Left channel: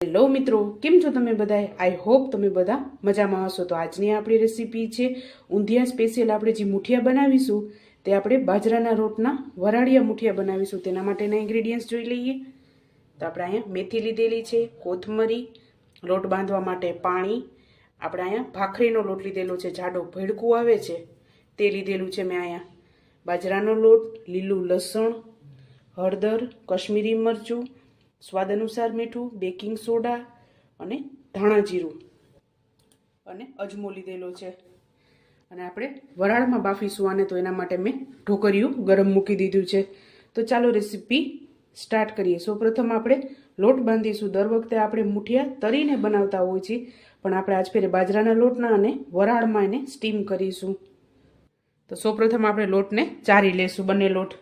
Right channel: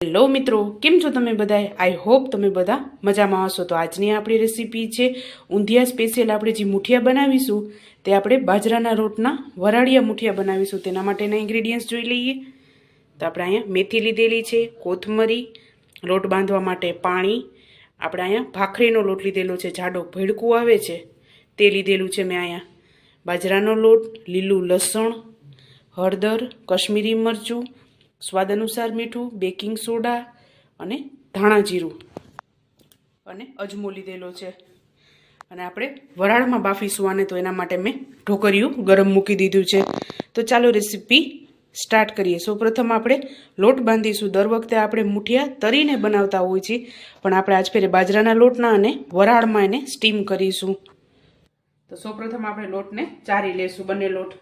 Hello મિત્રો, કેમ છો તમે બધા? આઈ હોપ તમે બધા મજામાં હશો. તો આજની આપણી રેસીપી છે ઊંધિયા સ્પેશિયલ. આપણે જે મુઠિયા બનાવીશું તે આપણે બાજરાના રોટના વરાળિયા મુઠિયા બનાવીશું. તેના માટેના ઇન્ગ્રેડિયન્ટ્સ જોઈ લઈએ. તો આપણે અહીંયા મેથી લીધેલી છે, કોથમરી, લોટ બાંધવા માટે પાણી, આપણે અહીંયા ભાખરીનો લોટ લીધેલો છે, જાડો ભેડકું આવે છે તે લીધેલું છે મેં અહીંયા, બાજરાનો લોટ, લીલું લસણ, હળદર, કશ્મીરી મરચું, સ્વાદ અનુસાર મીઠું, બેકિંગ સોડા અને ધાણા જીરું અને અજમો લીધેલો છે. અને આપણે વરાળમાં બાફીશું આને, તો એના માટે મેં ઢોકરિયું ગરમ મૂકી દીધું છે. તો ચાલો રેસીપી સ્ટાર્ટ કરીએ. સૌપ્રથમ આપણે લોટ બાંધીશું. દર વખતે આપણે મુઠિયા તરીને બનાવતા હોઈએ છીએ, પણ આપણે આજ ફેરે બાજરાના લોટના અને વરાળમાં એને સ્ટીમ કરીશું. તો સૌપ્રથમ આપણે લોટને ચારી લેશું, બંને લોટ.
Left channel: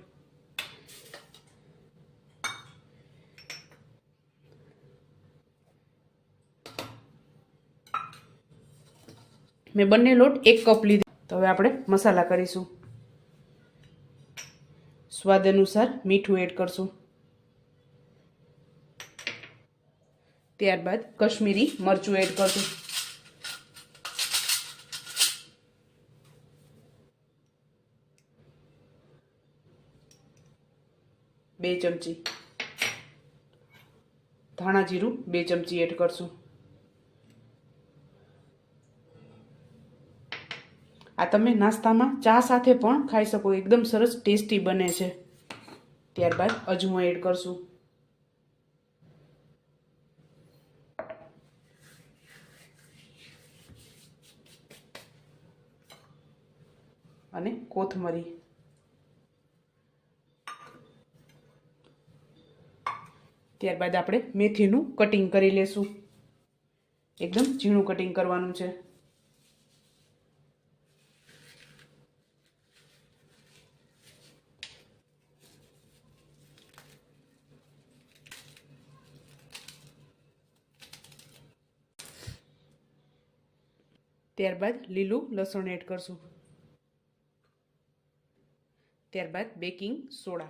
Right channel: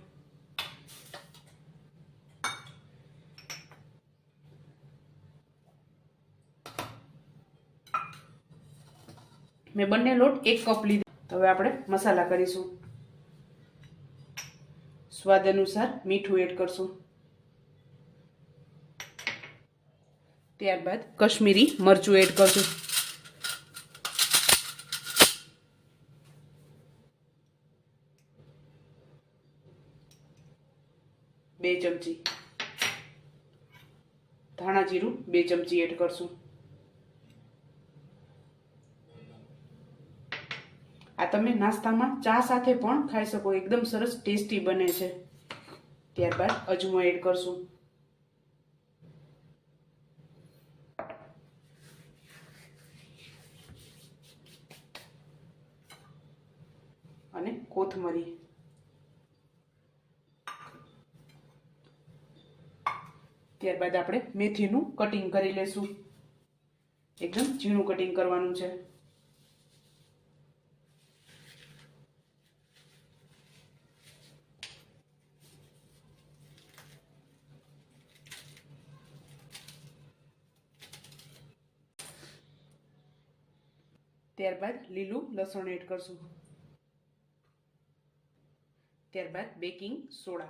મેં બંને લોટ 1 કપ લીધો. તો હવે આપણે મસાલા કરીશું. સ્વાદ અનુસાર મીઠું એડ કરશું. ત્યારબાદ કશ્મીરી મરચું એડ કરશું. બે ચમચી ધાણા જીરું 2 ચમચી એડ કરશું. આ તમે નાસ્તામાં ચા સાથે પણ ખાઈ શકો, એકદમ સરસ ટેસ્ટી બને છે. ત્યારબાદ અજમો એડ કરશું. અને કોથમરી. ત્યારબાદ આપણે મેથીનું કટિંગ કરી લેશું. એકદમ ઝીણું કટિંગ કરવાનું છે. ત્યારબાદ લીલું લસણ એડ કરશું. ત્યારબાદ બેકિંગ સોડા.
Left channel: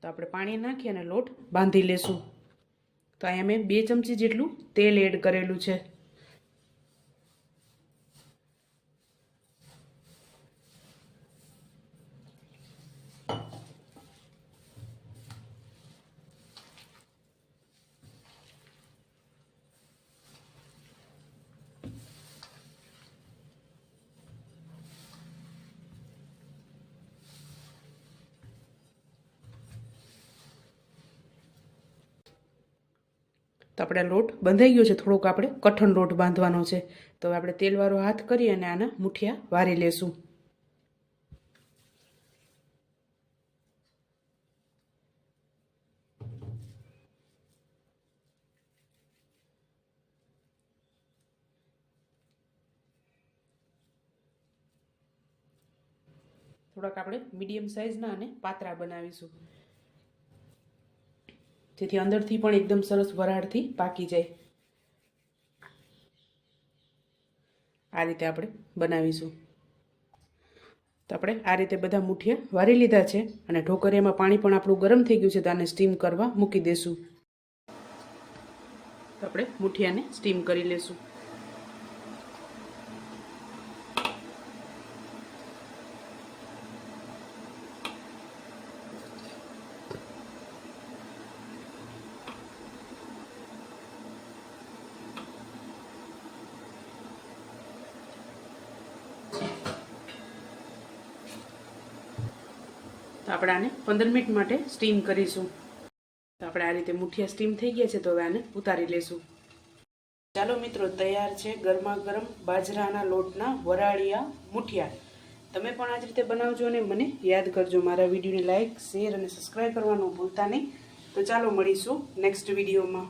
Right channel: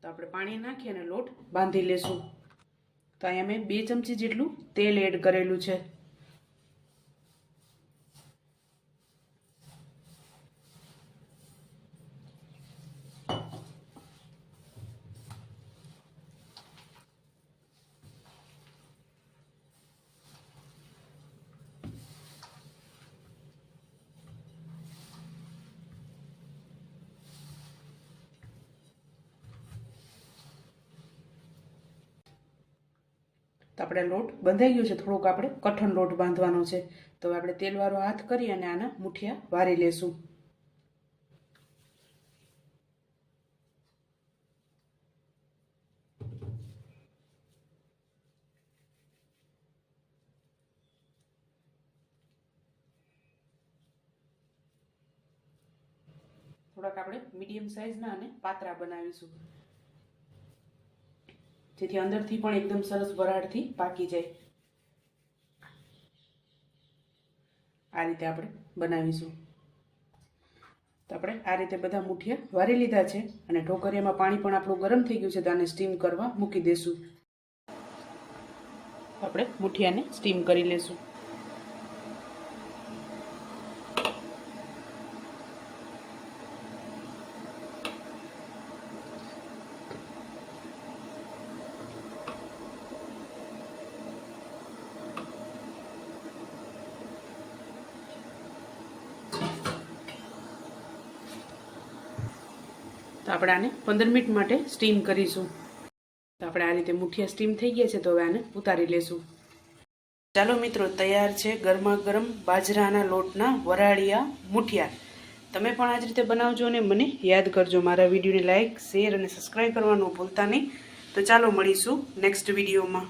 તો આપણે પાણી નાખી અને લોટ બાંધી લેશું. તો અહીંયા મેં 2 ચમચી જેટલું તેલ એડ કરેલું છે. તો આપણે લોટ બંધાઈ ગયો છે. થોડોક આપણે કઠણ લોટ બાંધવાનો છે. તો હવે આપણે તેલવાળો હાથ કરી અને આના મુઠિયા વારી લેશું. થોડાક આપણે મીડિયમ સાઇઝના અને પાતળા બનાવીશું, જેથી અંદરથી પણ એકદમ સરસ વરાળથી પાકી જાય. આ રીતે આપણે બનાવીશું. તો આપણે આ રીતે બધા મુઠિયા વારી લીધા છે અને ઢોકરિયામાં પાણી પણ આપણું ગરમ થઈ ગયું છે. તો આને સ્ટીમ કરવા મૂકી દેશું. તો આપણે મુઠિયાને સ્ટીમ કરી લેશું. તો આપણે આને 15 મિનિટ માટે સ્ટીમ કરીશું. તો આપણે આ રીતે મુઠિયા સ્ટીમ થઈ ગયા છે. તો હવે આને ઉતારી લેશું. ચાલો મિત્રો, તૈયાર છે ગરમા ગરમ બાજરાના લોટના વરાળિયા મુઠિયા. તમે પણ આ જ રીતે બનાવજો અને મને યાદ કરજો. મારા વિડીયોને લાઇક, શેર અને સબસ્ક્રાઈબ કરવાનું ભૂલતા નહીં. તો ચાલો મળીશું નેક્સ્ટ વિડીયોમાં.